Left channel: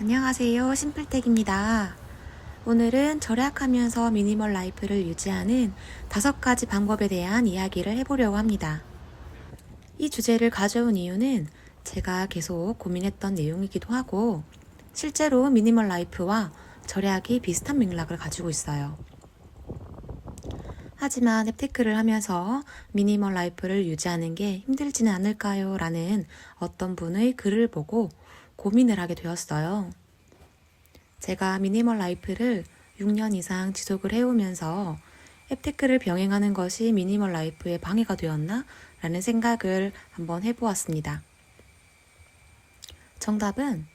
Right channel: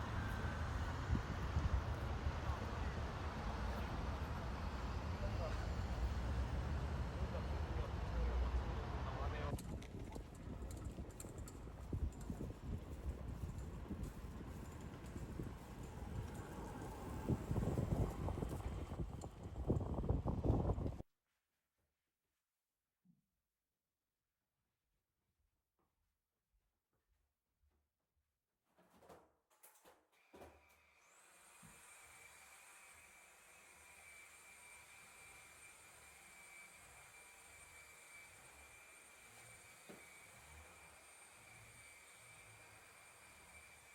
안녕하세요. 심플텍입니다. 오늘은 절약하면서 미니멀 라이프를 유지하는 5가지 방법에 대한 이야기를 해보려고 합니다. 이 주제를 가져온 이유는 제가 계속 고민했던 내용이기도 하고 실제로 미니멀 라이프와 절약이 비슷한 맥락을 가지고 있어요. 하지만 앱테크를 하면서 미니멀 라이프를 유지하는 게 힘들지는 않을까요? 라는 어떤 분의 글을 보고 고민을 하게 되었어요. 제가 미니멀 라이프를 6년 이상 지속을 해오면서 앱테크를 병행하는 것이 미니멀 라이프에 방해가 되었나? 라는 생각을 한번 해보았습니다. 정답은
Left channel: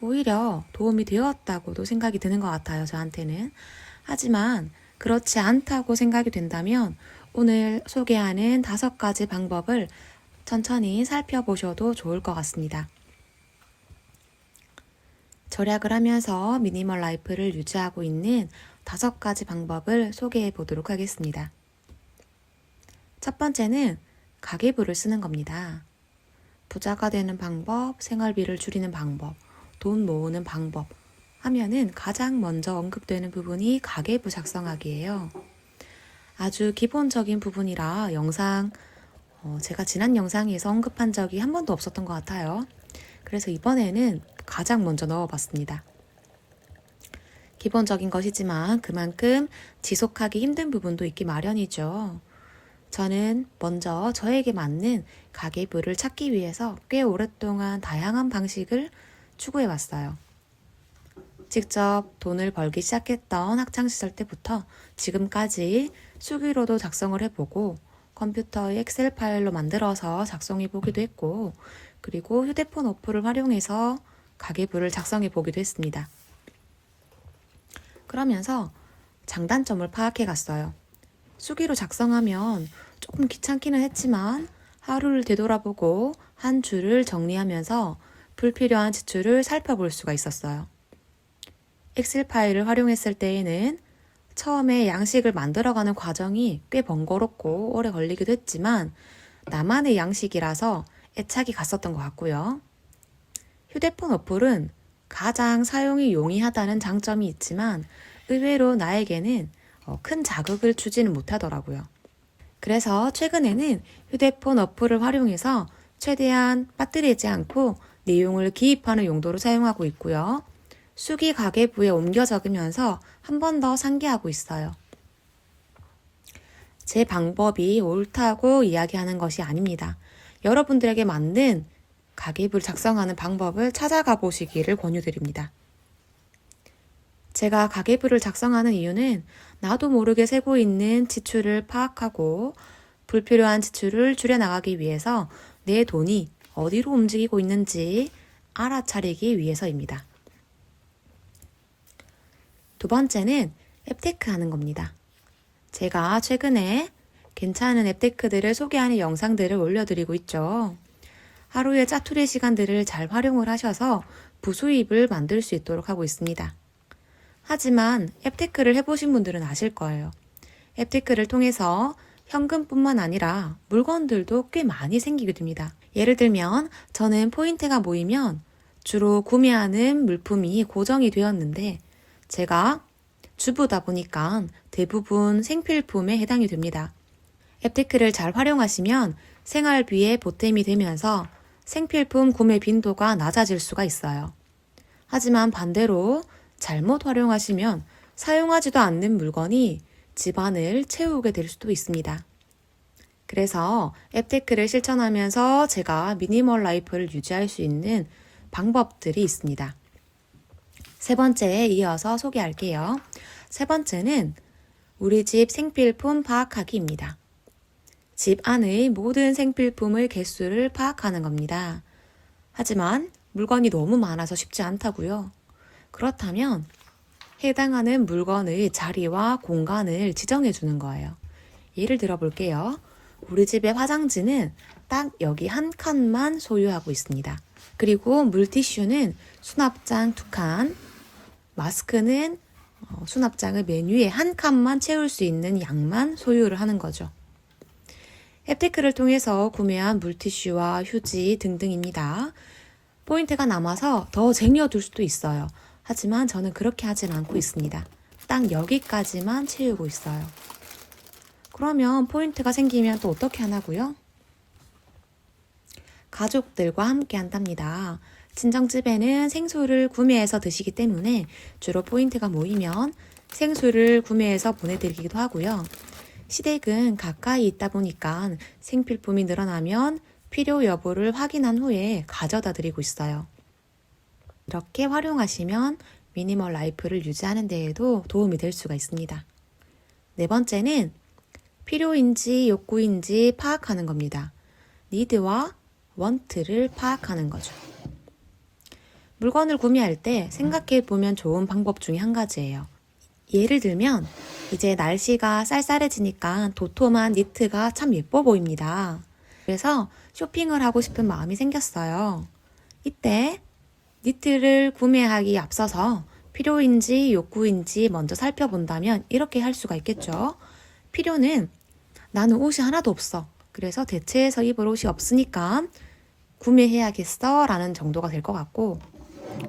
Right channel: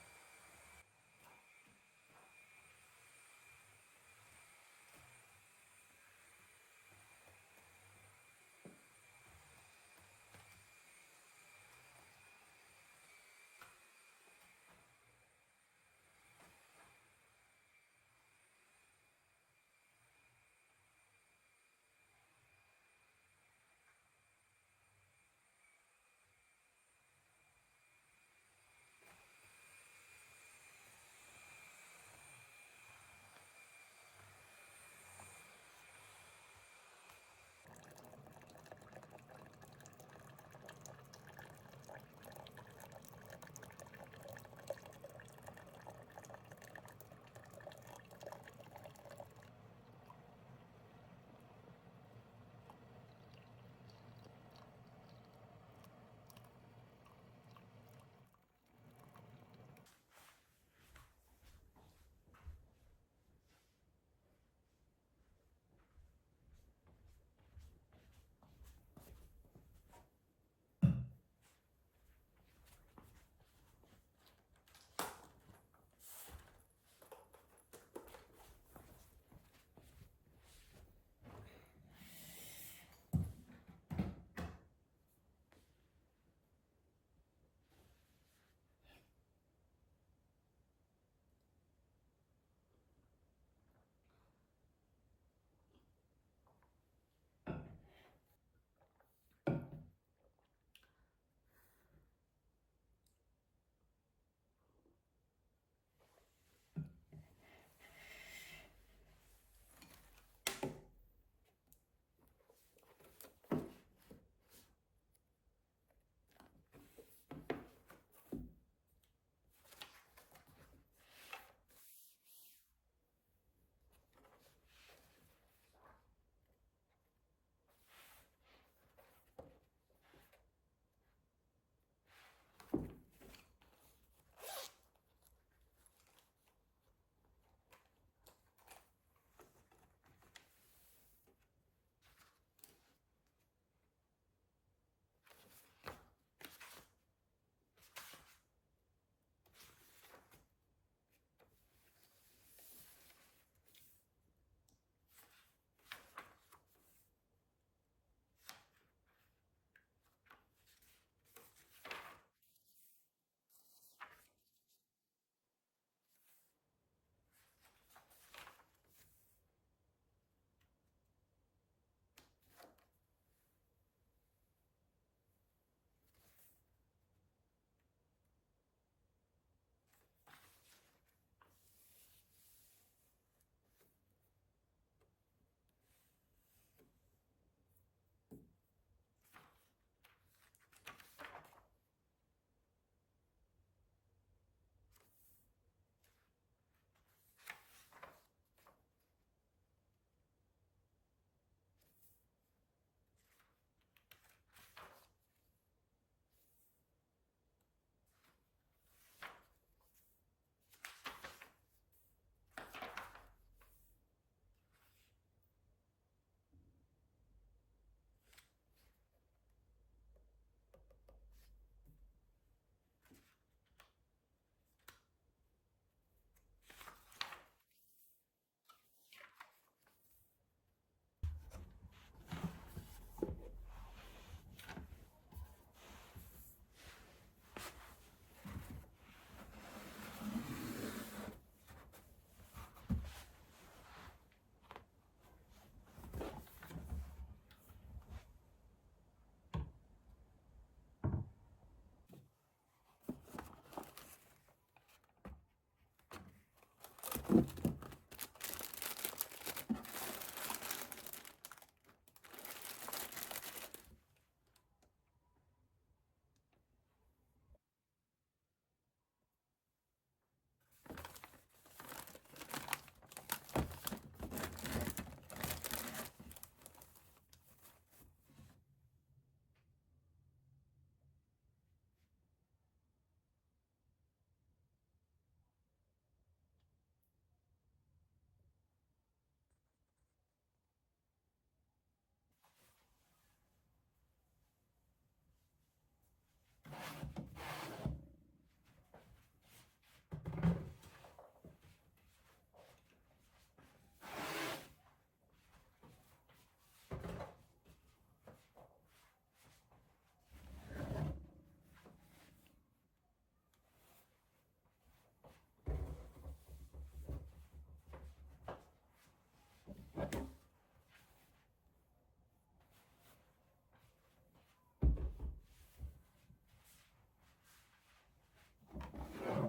오히려 도움이 되었다고도 생각이 드는 것 같아요, 저한테는. 하지만 그렇지 않다고 생각이 된다면 오늘 소개하는 5가지 방법을 천천히 살펴보셔도 좋을 것 같습니다. 절약을 하면서 미니멀 라이프를 유지하고 있는 5가지 방법을 소개해 보도록 하겠습니다. 첫 번째는 가계부를 쓰는 겁니다. 부자가 되는 방법, 생활비를 줄이는 방법, 돈 모으는 방법 하면은 가장 먼저 언급되는 부분이 가계부 작성하기예요. 아주 기본적인 부분이라 제가 지난 영상에서 언급한 적이 한 번도 없었던 것 같아요. 그래서 이번에는 가장 먼저 넣어봤습니다. 기본적인 것이지만 그만큼 지속하기 힘든 부분도 있기 마련이죠. 저는 먼저 저에게 맞는 가계부를 찾기 위해서 꽤 오랫동안 다양한 방식을 추구해 왔어요. 직접 돈을 벌기 시작했던 학창시절 때부터 지금까지 수기로도 작성을 해보고 컴퓨터에 엑셀 파일로 만들어서 작성해 보기도 했고, 그리고 휴대폰 어플을 활용해서 가계부를 작성해 보기도 했습니다. 그러면서 장단점을 파악해 갔어요. 수기로 작성하면 조금 귀찮기는 했지만 하루를 되돌아보고 한 줄을 정리하면서 불필요한 지출을 살펴볼 수가 있었어요. 엑셀 파일을 활용했을 때에는 처음에 양식을 만들어가는 과정이 꽤 번거롭고 오래 걸리기도 했지만 나만의 양식이라서 애착이 갔었던 것 같고요. 휴대폰 어플은 가장 사용이 용이하다는 장점이 있지만 의외로 나에게는 큰 자극을 주지는 못하더라고요. 그래서 최근에는 휴대폰 어플을 활용해서 최대한 빠뜨리지 않고 내용을 기입하는 용도로 사용하고 있고요. 수기 가계부에 옮겨 적으면서 한 번 더 상기하고 있어요. 제 방법이 옳다고 이야기하는 것이 아닙니다. 여러분들에게 맞는 가계부를 작성하는 방법을 찾아가 보시기를 권유드립니다. 제가 가계부를 작성하는 이유는 나도 모르게 세고 있는 지출을 파악하고 불필요한 지출을 줄여나가기 위해서 내 돈이 어디로 움직이고 있는지 알아차리기 위해서입니다. 두 번째는 앱테크 하는 겁니다. 제가 최근에 괜찮은 앱테크들을 소개하는 영상들을 올려드리고 있죠. 하루의 짜투리 시간들을 잘 활용을 하셔서 부수입을 만들 수 있도록 하고 있습니다. 하지만 앱테크를 해보신 분들은 아실 거예요. 앱테크를 통해서 현금뿐만 아니라 물건들도 꽤 많이 생기게 됩니다. 예를 들면 저는 포인트가 모이면 주로 구매하는 물품이 고정이 되었는데 제가 주부다 보니까 대부분 생필품에 해당이 됩니다. 앱테크를 잘 활용하시면 생활비에 보탬이 되면서 생필품 구매 빈도가 낮아질 수가 있어요. 하지만 반대로 잘못 활용하시면 사용하지도 않는 물건이 집안을 채우게 될 수도 있습니다. 그래서 앱테크를 실천하면서 제가 미니멀 라이프를 유지할 수 있는 방법들이 있습니다. 세 번째에 이어서 소개할게요. 세 번째는 우리 집 생필품 파악하기입니다. 집 안의 모든 생필품의 개수를 파악하는 겁니다. 하지만 물건이 너무 많아서 쉽지 않다고요. 그렇다면 해당하는 물건의 자리와 공간을 지정해 주는 거예요. 예를 들어 볼게요. 우리 집의 화장지는 딱 여기 한 칸만 소유하고 있습니다. 그리고 물티슈는 수납장 2칸, 마스크는 수납장의 맨 위에 한 칸만 채울 수 있는 양만 소유를 하는 거죠. 앱테크를 통해서 구매한 물티슈와 휴지 등등입니다. 포인트가 남아서 더 쟁여둘 수도 있어요. 하지만 저는 그렇게 하진 않고 있습니다. 딱 여기까지만 채우고 있어요. 그러면 포인트가 생기면 또 어떻게 하나고요? 가족들과 함께 한답니다. 친정집에는 생수를 구매해서 드시기 때문에 주로 포인트가 모이면 생수를 구매해서 보내드리기도 하고요. 시댁은 가까이 있다 보니까 생필품이 늘어나면 필요 여부를 확인한 후에 가져다 드리고 있어요. 이렇게 활용하시면 미니멀 라이프를 유지하는 데에도 도움이 될 수가 있습니다. 네 번째는 필요인지 욕구인지 파악하는 겁니다. 니드와 원트를 파악하는 거죠. 물건을 구매할 때 생각해 보면 좋은 방법 중에 한 가지예요. 예를 들면 이제 날씨가 쌀쌀해지니까 도톰한 니트가 참 예뻐 보입니다. 그래서 쇼핑을 하고 싶은 마음이 생겼어요. 이때 니트를 구매하기 앞서서 필요인지 욕구인지 먼저 살펴본다면 이렇게 할 수가 있겠죠. 필요는 나는 옷이 하나도 없어. 그래서 대체해서 입을 옷이 없으니까 구매해야겠어 라는 정도가 될 것 같고,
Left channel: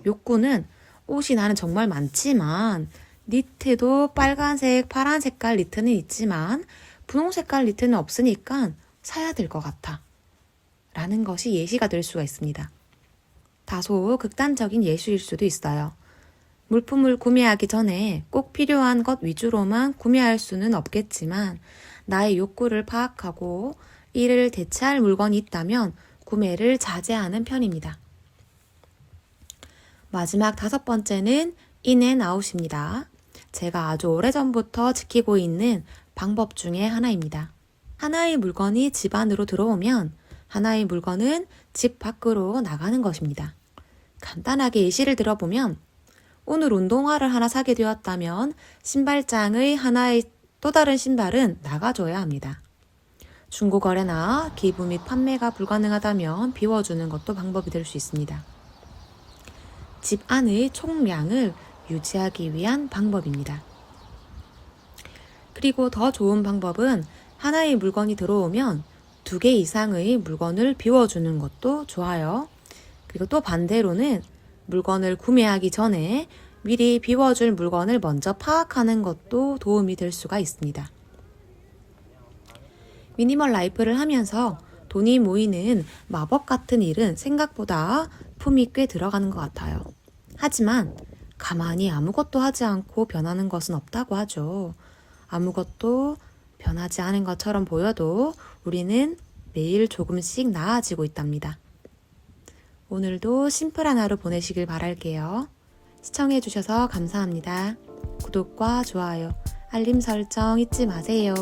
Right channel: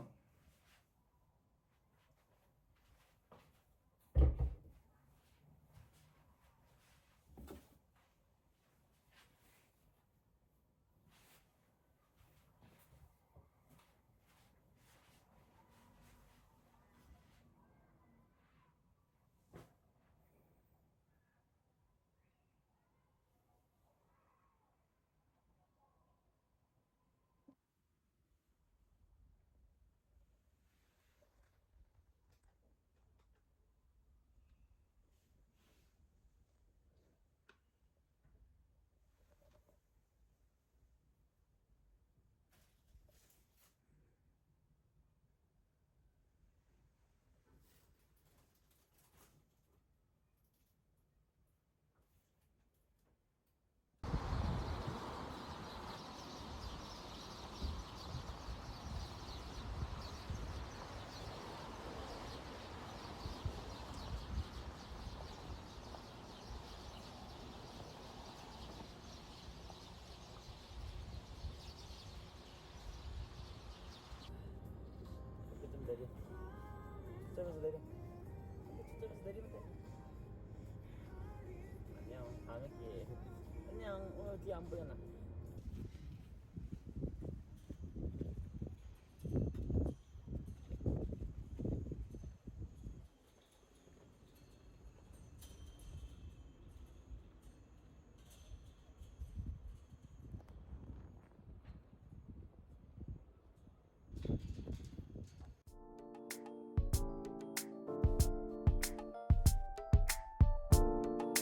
욕구는 옷이 나는 정말 많지만 니트도 빨간색, 파란 색깔 니트는 있지만 분홍 색깔 니트는 없으니까 사야 될 것 같아 라는 것이 예시가 될 수가 있습니다. 다소 극단적인 예시일 수도 있어요. 물품을 구매하기 전에 꼭 필요한 것 위주로만 구매할 수는 없겠지만 나의 욕구를 파악하고 이를 대체할 물건이 있다면 구매를 자제하는 편입니다. 마지막 5번째는 인앤아웃입니다. 제가 아주 오래전부터 지키고 있는 방법 중에 하나입니다. 하나의 물건이 집 안으로 들어오면 하나의 물건은 집 밖으로 나가는 것입니다. 간단하게 예시를 들어보면 오늘 운동화를 하나 사게 되었다면 신발장의 하나의 또 다른 신발은 나가줘야 합니다. 중고거래나 기부 및 판매가 불가능하다면 비워주는 것도 방법이 될 수 있습니다. 집 안의 총량을 유지하기 위한 방법입니다. 그리고 더 좋은 방법은 하나의 물건이 들어오면 2개 이상의 물건을 비워주는 것도 좋아요. 그리고 또 반대로는 물건을 구매하기 전에 미리 비워줄 물건을 먼저 파악하는 것도 도움이 될 수가 있습니다. 미니멀 라이프를 하면서 돈이 모이는 마법 같은 일은 생각보다 품이 꽤 들어가는 것 같아요. 하지만 가만히 아무것도 하지 않고 변하는 것은 없다고 하죠. 아무것도 변하지 않은 것처럼 보여도 우리는 매일 조금씩 나아지고 있답니다. 오늘도 심플한 하루 보내시길 바랄게요. 시청해주셔서 감사합니다. 구독과 좋아요, 알림 설정 잊지 마세요.